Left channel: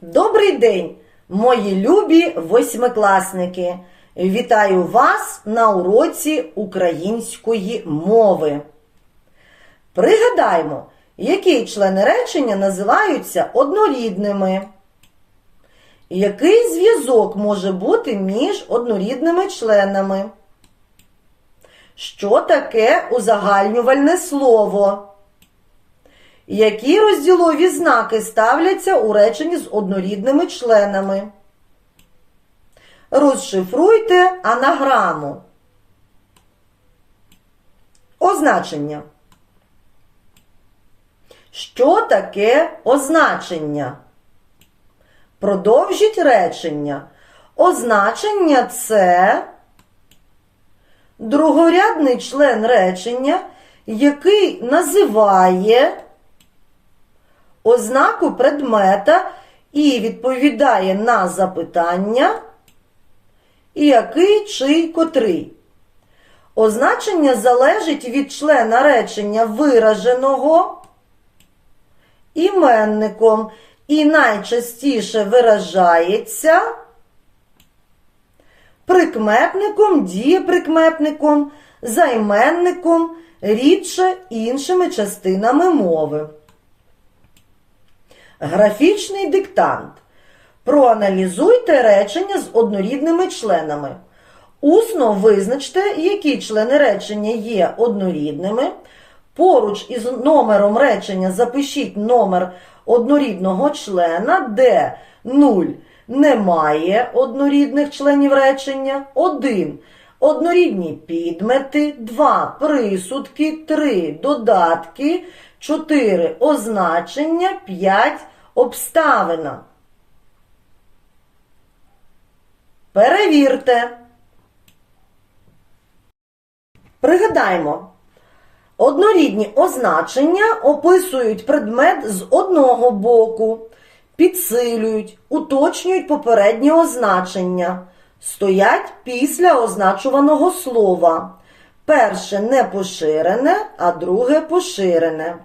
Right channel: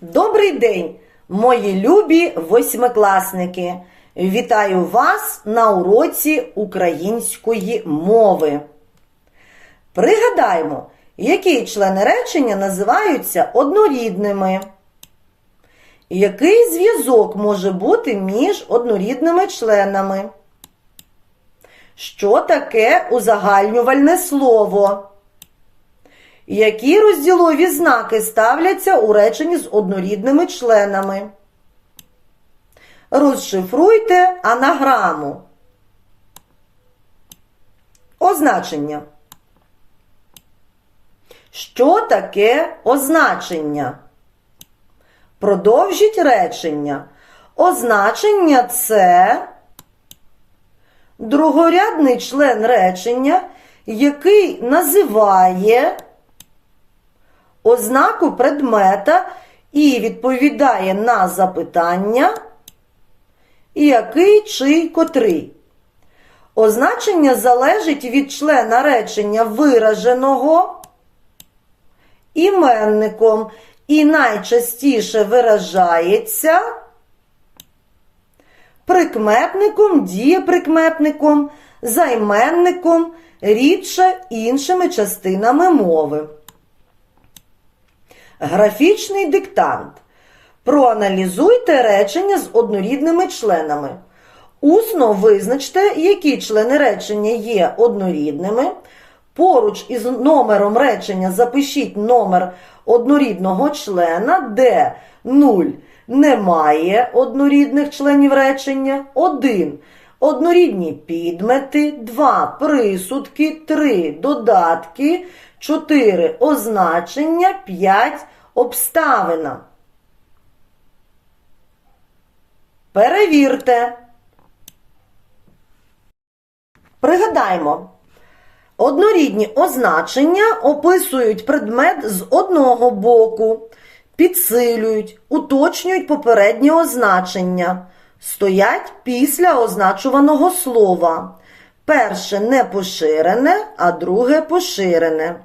Добрий день, мої любі восьмикласники! Вітаю вас на уроці української мови. Пригадаймо, які члени речення називаються однорідними. Який зв'язок може бути між однорідними членами? Що таке узагальнювальне слово? Які розділові знаки ставляться у реченні з однорідними членами? Розшифруйте анаграму. Означення. Що таке означення? Продовжіть речення. Означення це другорядний член речення, який називає ознаку предмета і відповідає на запитання, який чи котрий. Означення залежить від члена речення вираженого іменником і найчастіше виражається прикметником, дієприкметником, займенником, рідше іншими частинами мови. Графічний диктант. Проаналізуйте речення з однорідними членами. Усно визначте, які члени речення є однорідними. Поруч із номером речення запишіть номер однорідного члена, де 0 немає однорідних членів речення, 1 однорідні підмети, 2 присудки, 3 додатки, 4 означення, 5 обставина. Перевірте. Пригадаймо. Однорідні означення описують предмет з одного боку, підсилюють, уточнюють попереднє означення, стоять після означуваного слова. Перше не поширене, а друге поширене.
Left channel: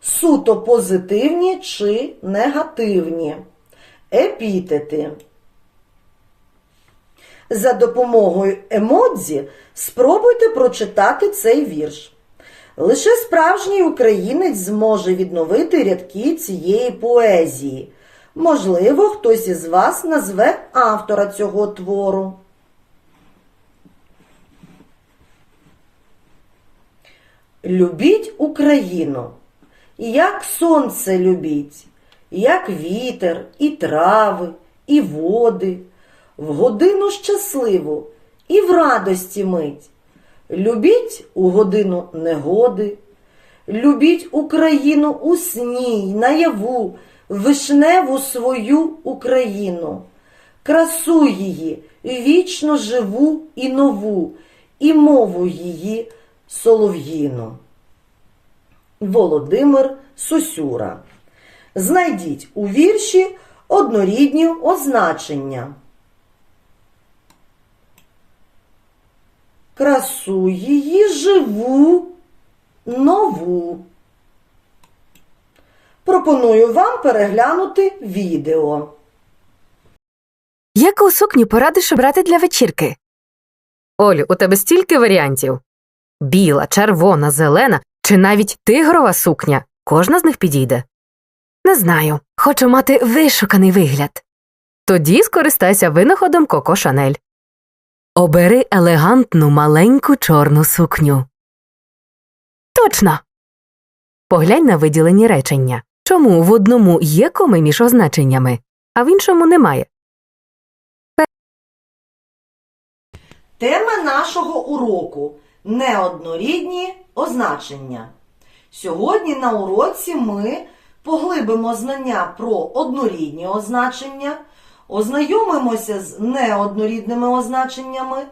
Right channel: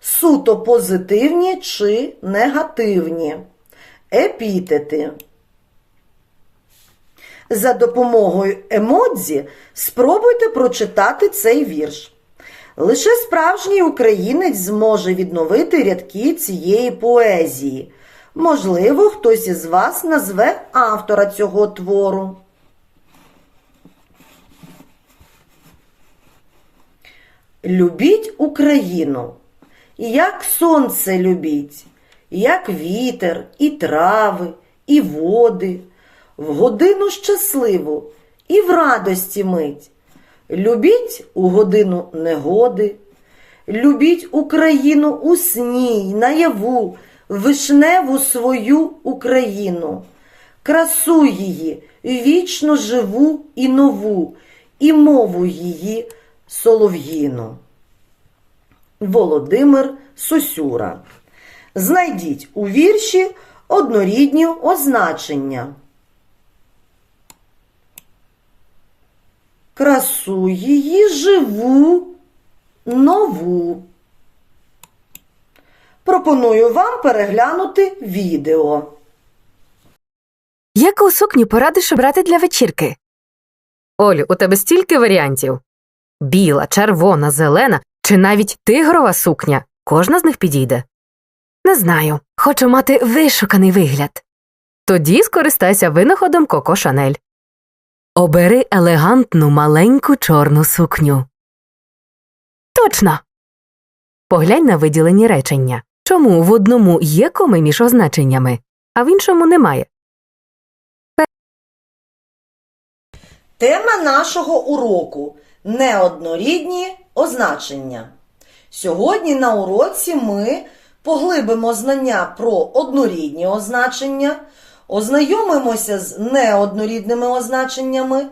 Суто позитивні чи негативні. Епітети. За допомогою емодзі спробуйте прочитати цей вірш. Лише справжній українець зможе відновити рядки цієї поезії. Можливо, хтось із вас назве автора цього твору. Любіть Україну, як сонце любіть, як вітер, і трави, і води, в годину щасливу і в радості мить. Любіть у годину негоди, любіть Україну у сні й наяву, вишневу свою Україну, красу її, вічно живу і нову, і мову її солов'їну. Володимир Сосюра. Знайдіть у вірші однорідні означення. Красу її живу нову. Пропоную вам переглянути відео. Яку сукню порадиш обрати для вечірки? Олю, у тебе стільки варіантів. Біла, червона, зелена чи навіть тигрова сукня. Кожна з них підійде. Не знаю. Хочу мати вишуканий вигляд. Тоді скористайся винаходом Коко Шанель. Обери елегантну маленьку чорну сукню. Точно. Поглянь на виділені речення. Чому в одному є коми між означеннями, а в іншому немає? Тема нашого уроку неоднорідні означення. Сьогодні на уроці ми поглибимо знання про однорідні означення, ознайомимося з неоднорідними означеннями,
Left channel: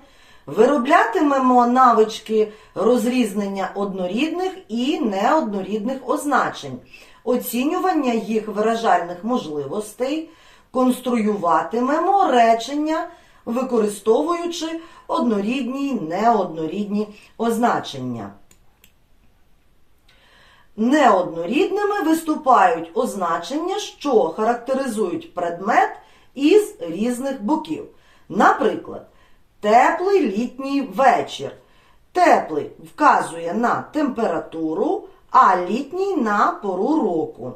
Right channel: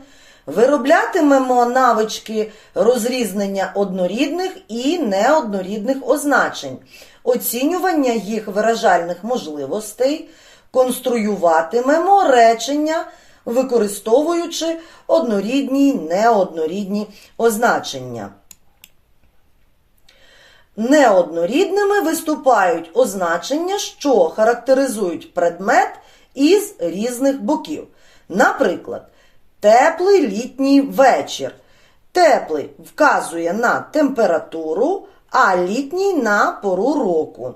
вироблятимемо навички розрізнення однорідних і неоднорідних означень, оцінювання їх виражальних можливостей, конструюватимемо речення використовуючи однорідні неоднорідні означення. Неоднорідними виступають означення, що характеризують предмет із різних боків. Наприклад, теплий літній вечір. Теплий вказує на температуру, а літній на пору року.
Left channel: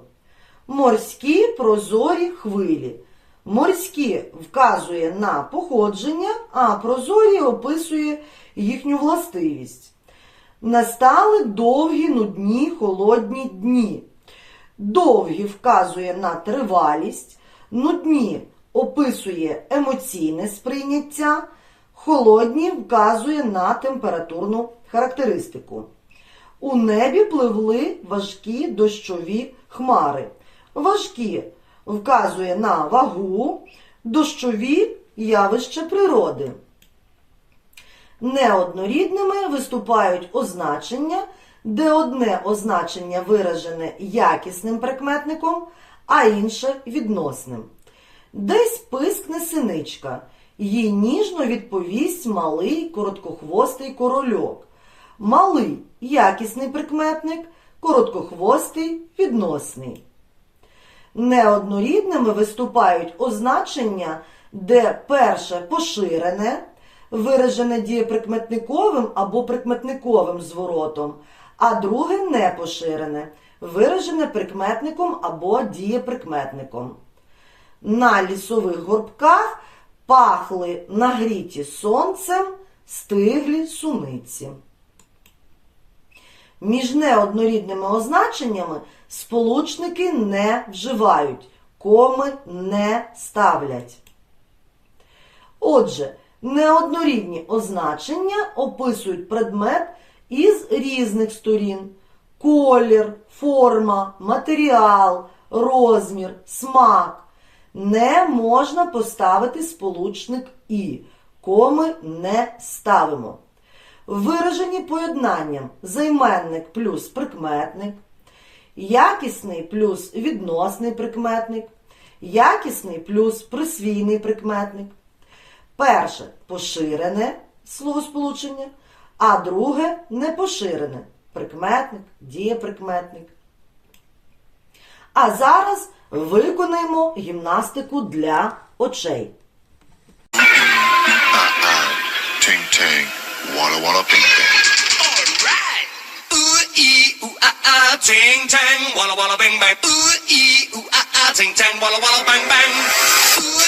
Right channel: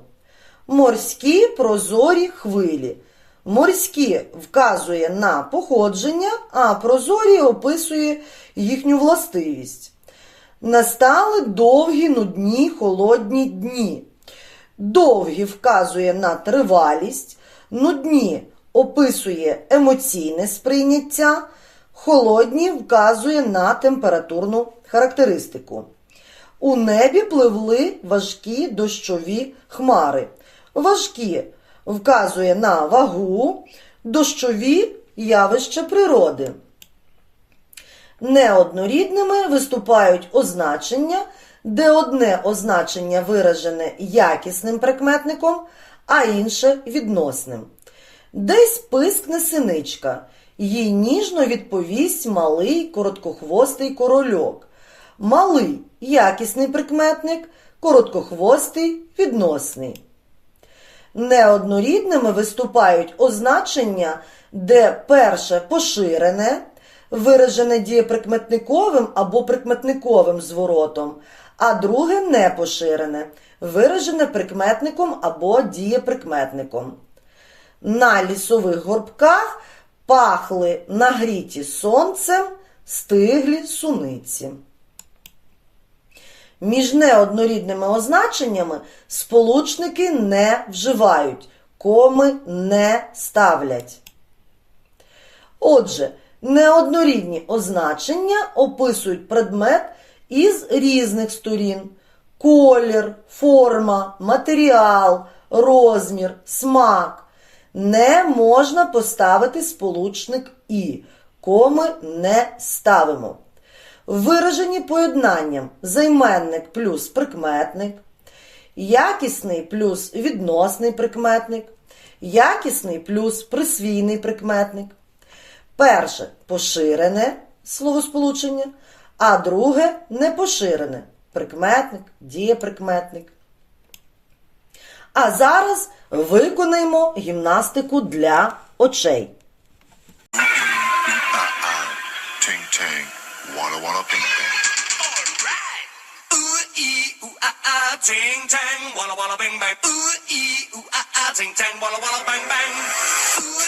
Морські прозорі хвилі. Морські вказує на походження, а прозорі описує їхню властивість. Настали довгі, нудні, холодні дні. Довгі вказує на тривалість, нудні описує емоційне сприйняття, холодні вказує на температурну характеристику. У небі пливли важкі дощові хмари. Важкі вказує на вагу, дощові явища природи. Неоднорідними виступають означення, де одне означення виражене якісним прикметником, а інше відносним. Десь пискне синичка, їй ніжно відповість малий короткохвостий корольок. Малий якісний прикметник, короткохвостий відносний. Неоднорідними виступають означення, де перше поширене, виражене дієприкметниковим або прикметниковим зворотом, а друге непоширене, виражене прикметником або дієприкметником. На лісових горбках пахли нагріті сонцем стиглі суниці. Між неоднорідними означеннями сполучники не вживають, коми не ставлять. Отже, неоднорідні означення описують предмет із різних сторін: колір, форма, матеріал, розмір, смак. Не можна поставити сполучник і, коми не ставимо. Виражені поєднанням займенник плюс прикметник, якісний плюс відносний прикметник, якісний плюс присвійний прикметник. Перше поширене словосполучення, а друге непоширене прикметник, дієприкметник. А зараз виконаємо гімнастику для очей. Ting ting, walla walla bing bing. Alright. Ooh ee ooh ah ah, ting tang, walla bing bang. bang. Ooh ee ooh ah ah, ting tang, walla walla bang bang. Ooh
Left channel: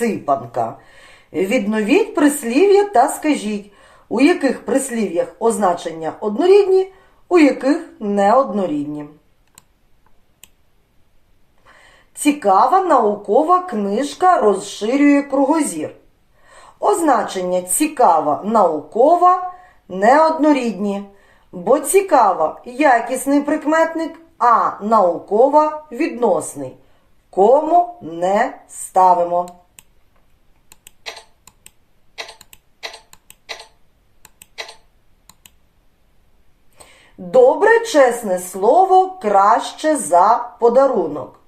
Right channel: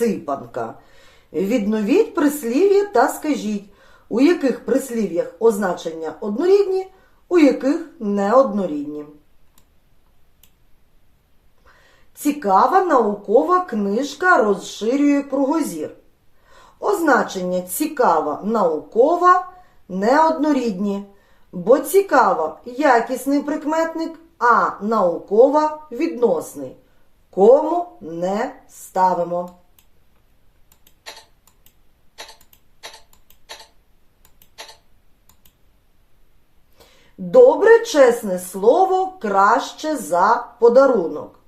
гру. Відновіть прислів'я та скажіть, у яких прислів'ях означення однорідні, у яких неоднорідні. Цікава наукова книжка розширює кругозір. Означення цікава наукова неоднорідні, бо цікава якісний прикметник, а наукова відносний. Кому не ставимо. Добре чесне слово краще за подарунок.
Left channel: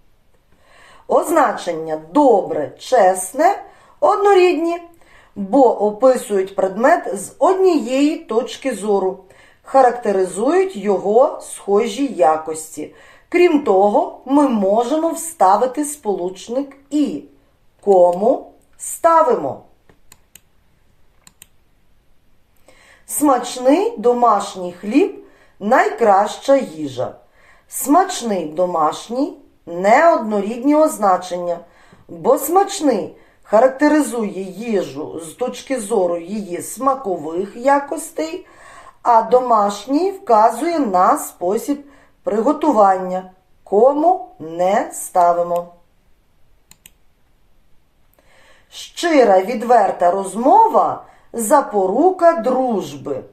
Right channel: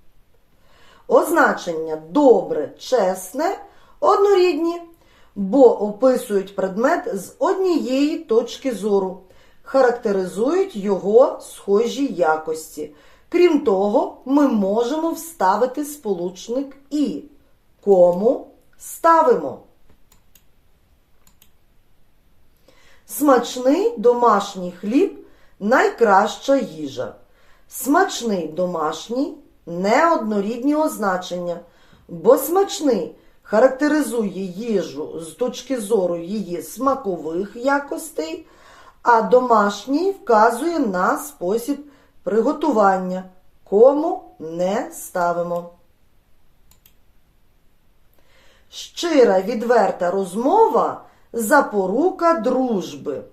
Означення добре, чесне однорідні, бо описують предмет з однієї точки зору, характеризують його схожі якості. Крім того, ми можемо вставити сполучник і. Кому ставимо? Смачний домашній хліб найкраща їжа. Смачний домашній неоднорідні означення, бо смачний характеризує їжу з точки зору її смакових якостей, а домашній вказує на спосіб приготування, кому не ставимо. Щира відверта розмова запорука дружби.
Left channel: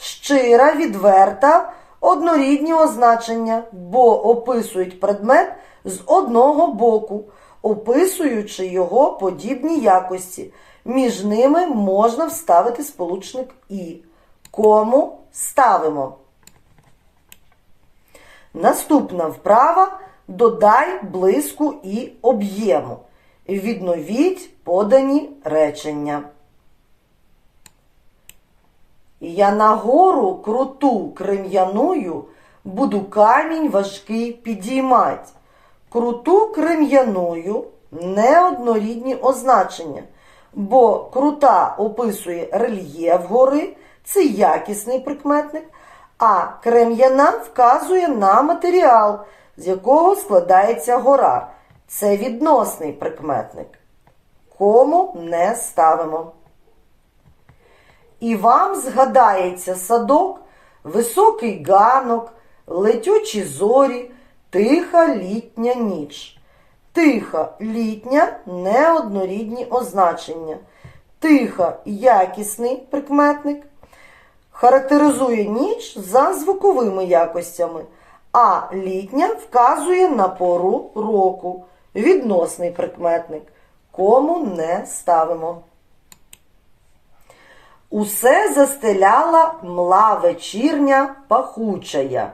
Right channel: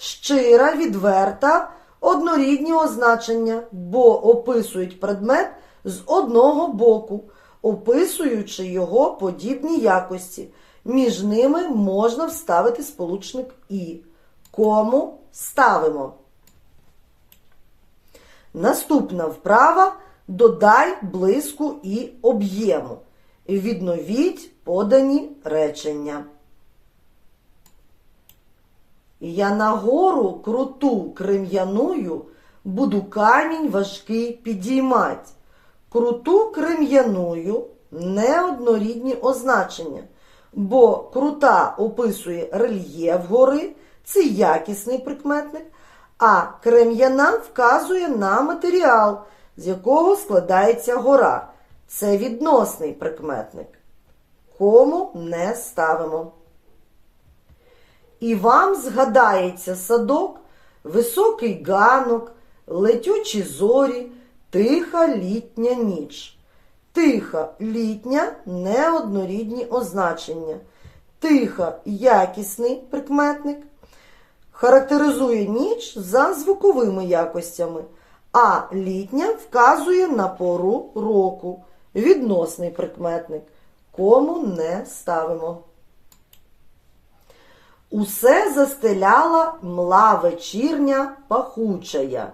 Щира, відверта однорідні означення, бо описують предмет з одного боку, описуючи його подібні якості. Між ними можна вставити сполучник і. Кому ставимо. Наступна вправа додай блиску і об'єму. Відновіть подані речення. Я на гору круту крем'яною буду камінь важкий підіймать. Круту крем'яною неоднорідні означення, бо крута описує рельєф гори, це якісний прикметник, а крем'яна вказує на матеріал, з якого складається гора. Це відносний прикметник. Кому не ставимо. І вам згадається садок, високий ганок, летючі зорі, тиха літня ніч. Тиха літня неоднорідні означення. Тиха якісний прикметник характеризує ніч за звуковими якостями, а літня вказує на пору року. Відносний прикметник. Кому не ставимо. Усе застеляла мла вечірня пахучая.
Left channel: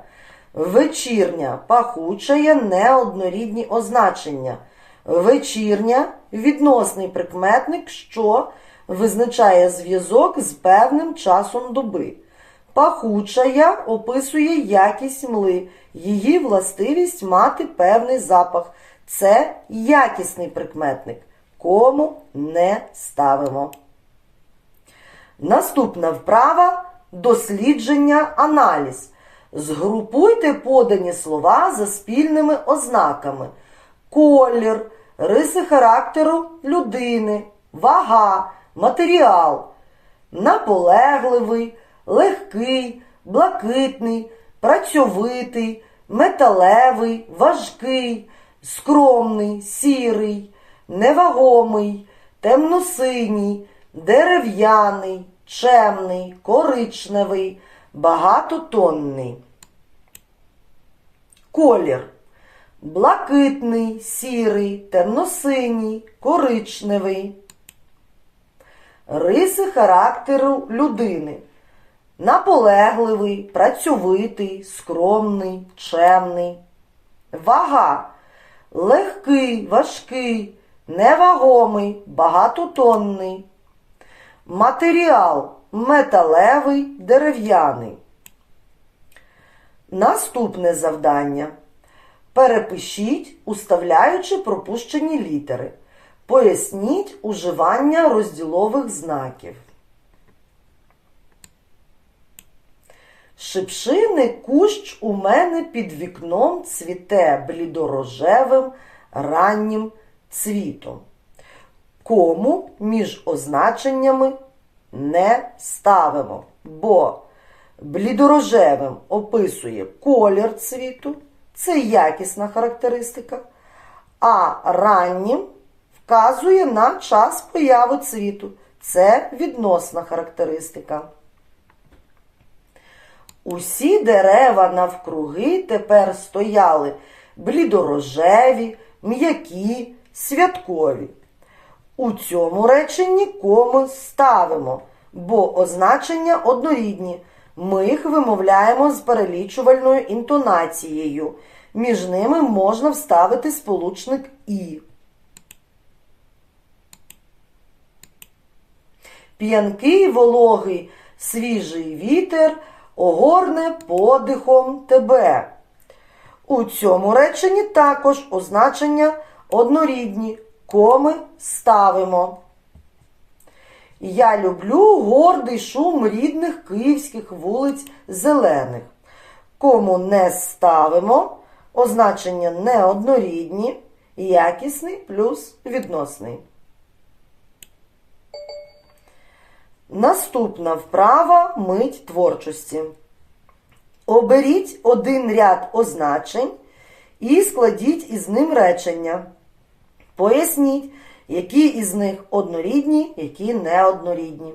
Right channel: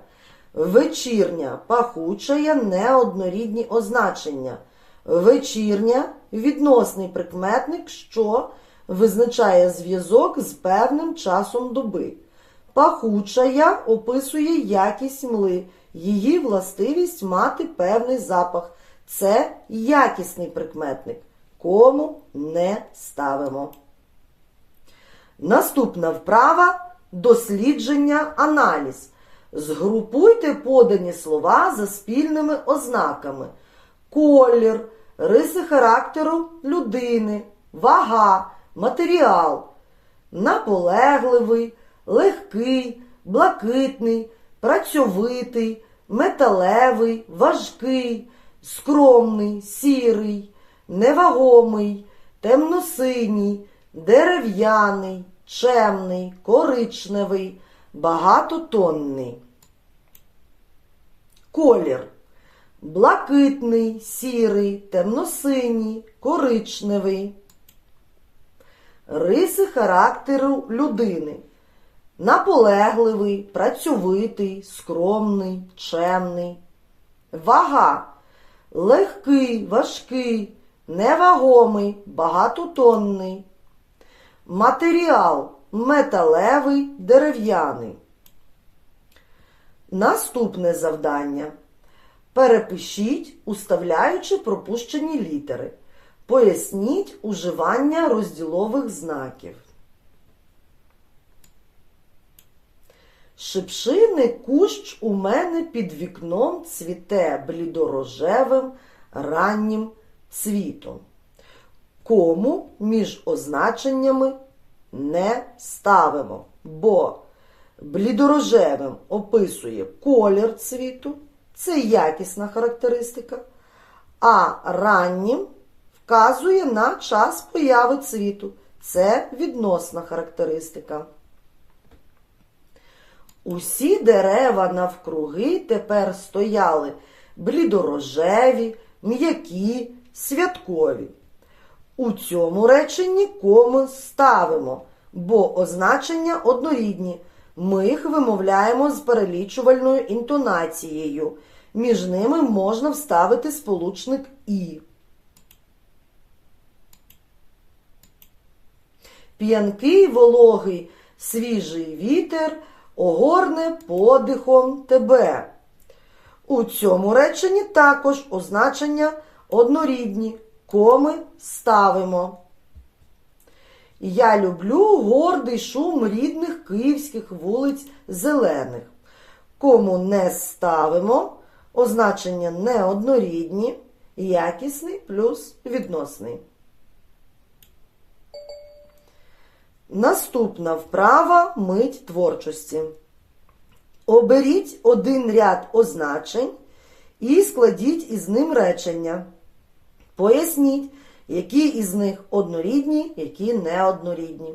Вечірня пахучая неоднорідні означення. Вечірня відносний прикметник, що визначає зв'язок з певним часом доби. Пахучая описує якість мли, її властивість мати певний запах. Це якісний прикметник. Кому не ставимо. Наступна вправа дослідження аналіз. Згрупуйте подані слова за спільними ознаками: колір, риси характеру людини, вага, матеріал, наполегливий, легкий, блакитний, працьовитий, металевий, важкий, скромний, сірий, невагомий, темносиній, дерев'яний, чемний, коричневий, багатотонний. Колір. Блакитний, сірий, темносиній, коричневий. Риси характеру людини. Наполегливий, працьовитий, скромний, чемний. Вага. Легкий, важкий, невагомий, багатотонний. Матеріал металевий, дерев'яний. Наступне завдання. Перепишіть, уставляючи пропущені літери. Поясніть уживання розділових знаків. Шипшини кущ у мене під вікном цвіте блідорожевим раннім цвітом. Кому між означеннями не ставимо, бо блідорожевим описує колір цвіту, це якісна характеристика, а раннім вказує на час появи цвіту, це відносна характеристика. Усі дерева навкруги тепер стояли блідорожеві, м'які, святкові. У цьому реченні коми ставимо, бо означення однорідні. Ми їх вимовляємо з перелічувальною інтонацією. Між ними можна вставити сполучник І. П'янкий вологий свіжий вітер огорне подихом тебе. У цьому реченні також означення однорідні. Коми ставимо. Я люблю гордий шум рідних київських вулиць зелених. Кому не ставимо, означення неоднорідні, якісний плюс відносний. Наступна вправа мить творчості. Оберіть один ряд означень і складіть із ним речення. Поясніть, які із них однорідні, які неоднорідні.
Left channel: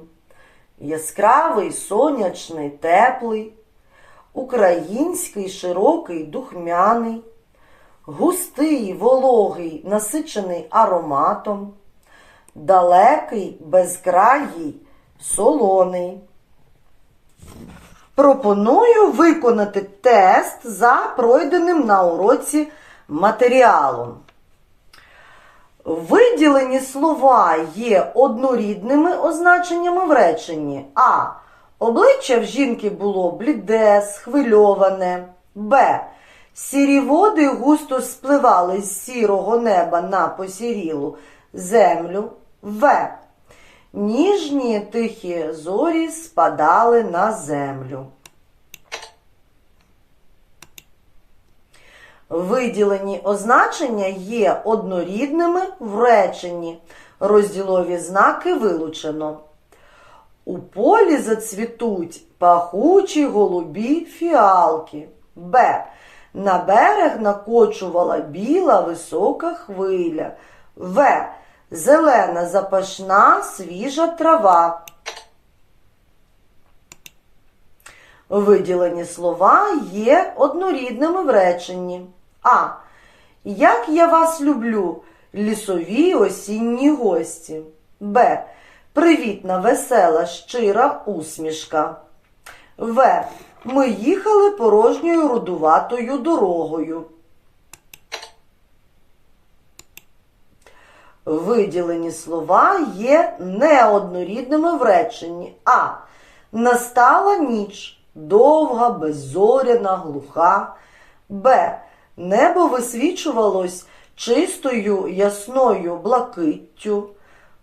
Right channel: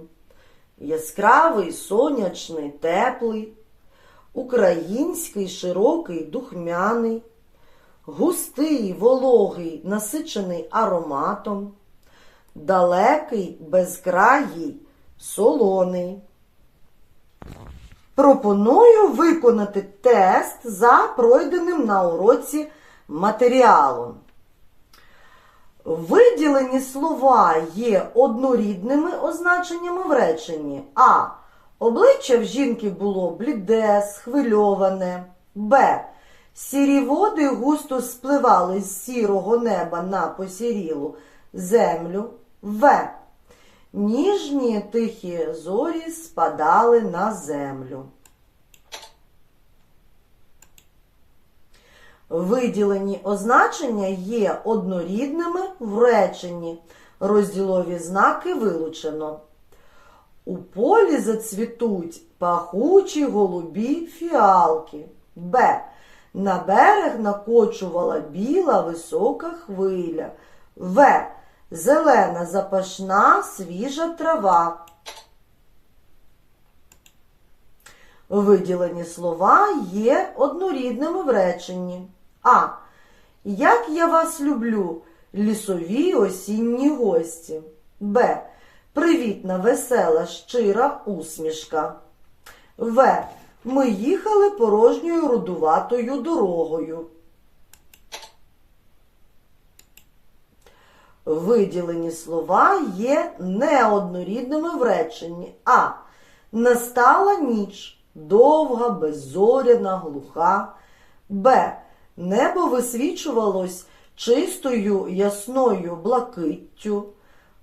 Яскравий, сонячний, теплий, український, широкий, духмяний, густий, вологий, насичений ароматом, далекий, безкраїй, солоний. Пропоную виконати тест за пройденим на уроці матеріалом. Виділені слова є однорідними означеннями в реченні. А. Обличчя в жінки було бліде, схвильоване. Б. Сірі води густо спливали з сірого неба на посірілу землю. В. Ніжні тихі зорі спадали на землю. Виділені означення є однорідними в реченні. Розділові знаки вилучено. У полі зацвітуть пахучі голубі фіалки. Б. На берег накочувала біла висока хвиля. В. Зелена запашна свіжа трава. Виділені слова є однорідними в реченні. А. Як я вас люблю, лісові осінні гості. Б. Привітна, весела, щира усмішка. В. Ми їхали порожньою рудуватою дорогою. Виділені слова є неоднорідними в реченні. А. Настала ніч, довга, беззоряна, глуха. Б. Небо висвічувалось чистою ясною блакиттю.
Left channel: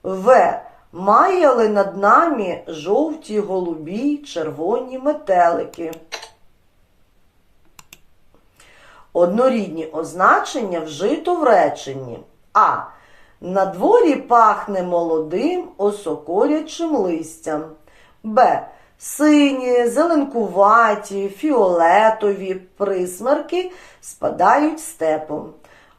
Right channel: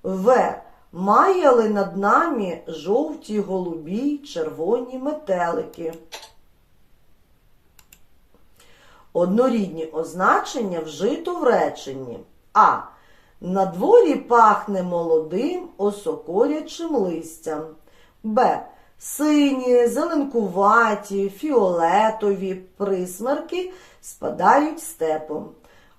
В. Маяли над нами жовті, голубі, червоні метелики. Однорідні означення вжито в реченні. А. На дворі пахне молодим осокорячим листям. Б. Сині, зеленкуваті, фіолетові присмерки спадають степом.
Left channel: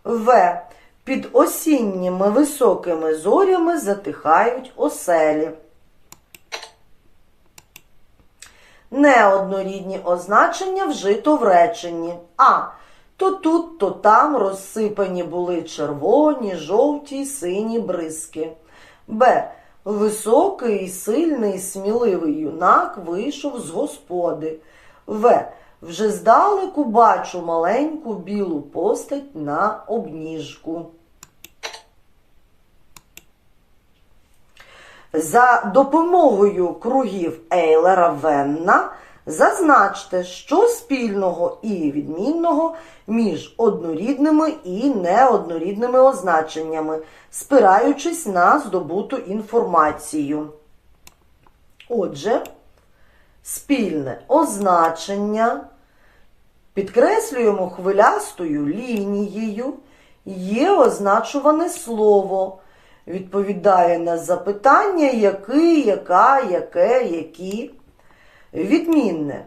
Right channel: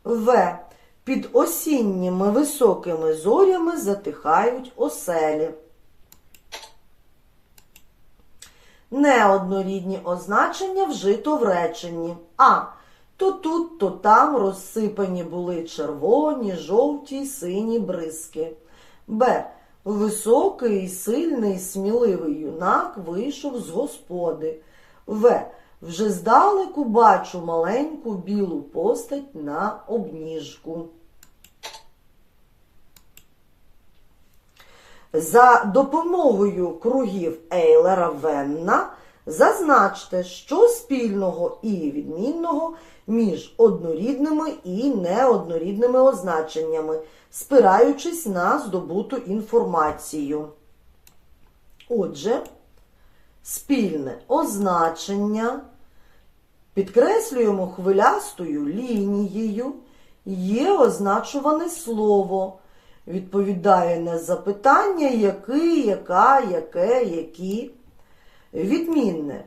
В. Під осінніми високими зорями затихають оселі. Неоднорідні означення вжито в реченні. А. То тут, то там розсипані були червоні, жовті сині бризки. Б. Високий, сильний, сміливий юнак вийшов з господи. В. Вже здалеку бачу маленьку білу постать на обніжку. За допомогою кругів Ейлера Венна зазначте, що спільного і відмінного між однорідними і неоднорідними означеннями, спираючись на здобуту інформацію. Отже, спільне означення підкреслюємо хвилястою лінією, є означуване слово, відповідає на запитання який, яка, яке, які. Відмінне.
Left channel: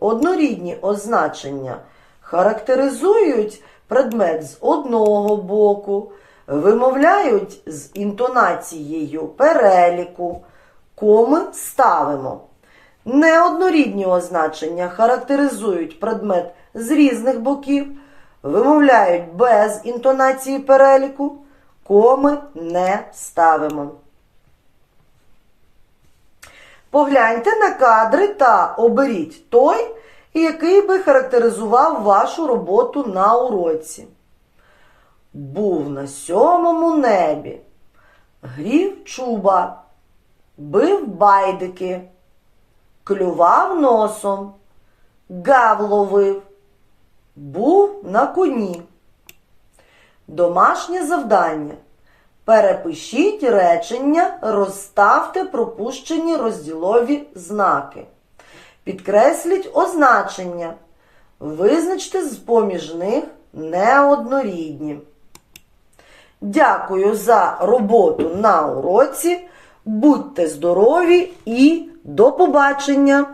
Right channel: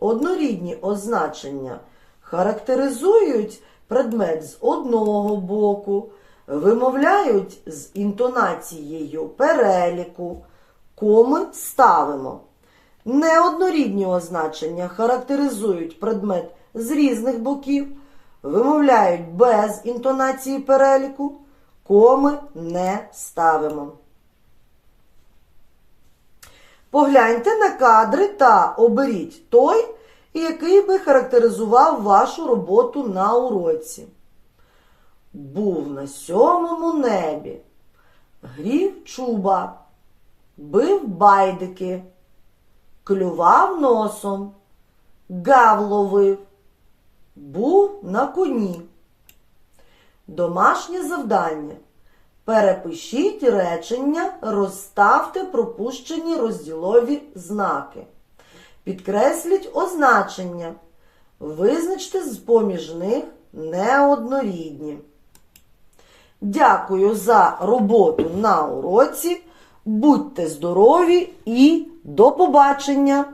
Однорідні означення характеризують предмет з одного боку, вимовляють з інтонацією переліку, коми ставимо. Неоднорідні означення характеризують предмет з різних боків, вимовляють без інтонації переліку, коми не ставимо. Погляньте на кадри та оберіть той, який би характеризував вашу роботу на уроці. Був на сьомому небі, грів чуба, бив байдики, клював носом, гав ловив, був на коні. Домашнє завдання. Перепишіть речення, розставте пропущені розділові знаки. Підкресліть означення. Визначте з поміж них неоднорідні. Дякую за роботу на уроці. Будьте здорові і до побачення!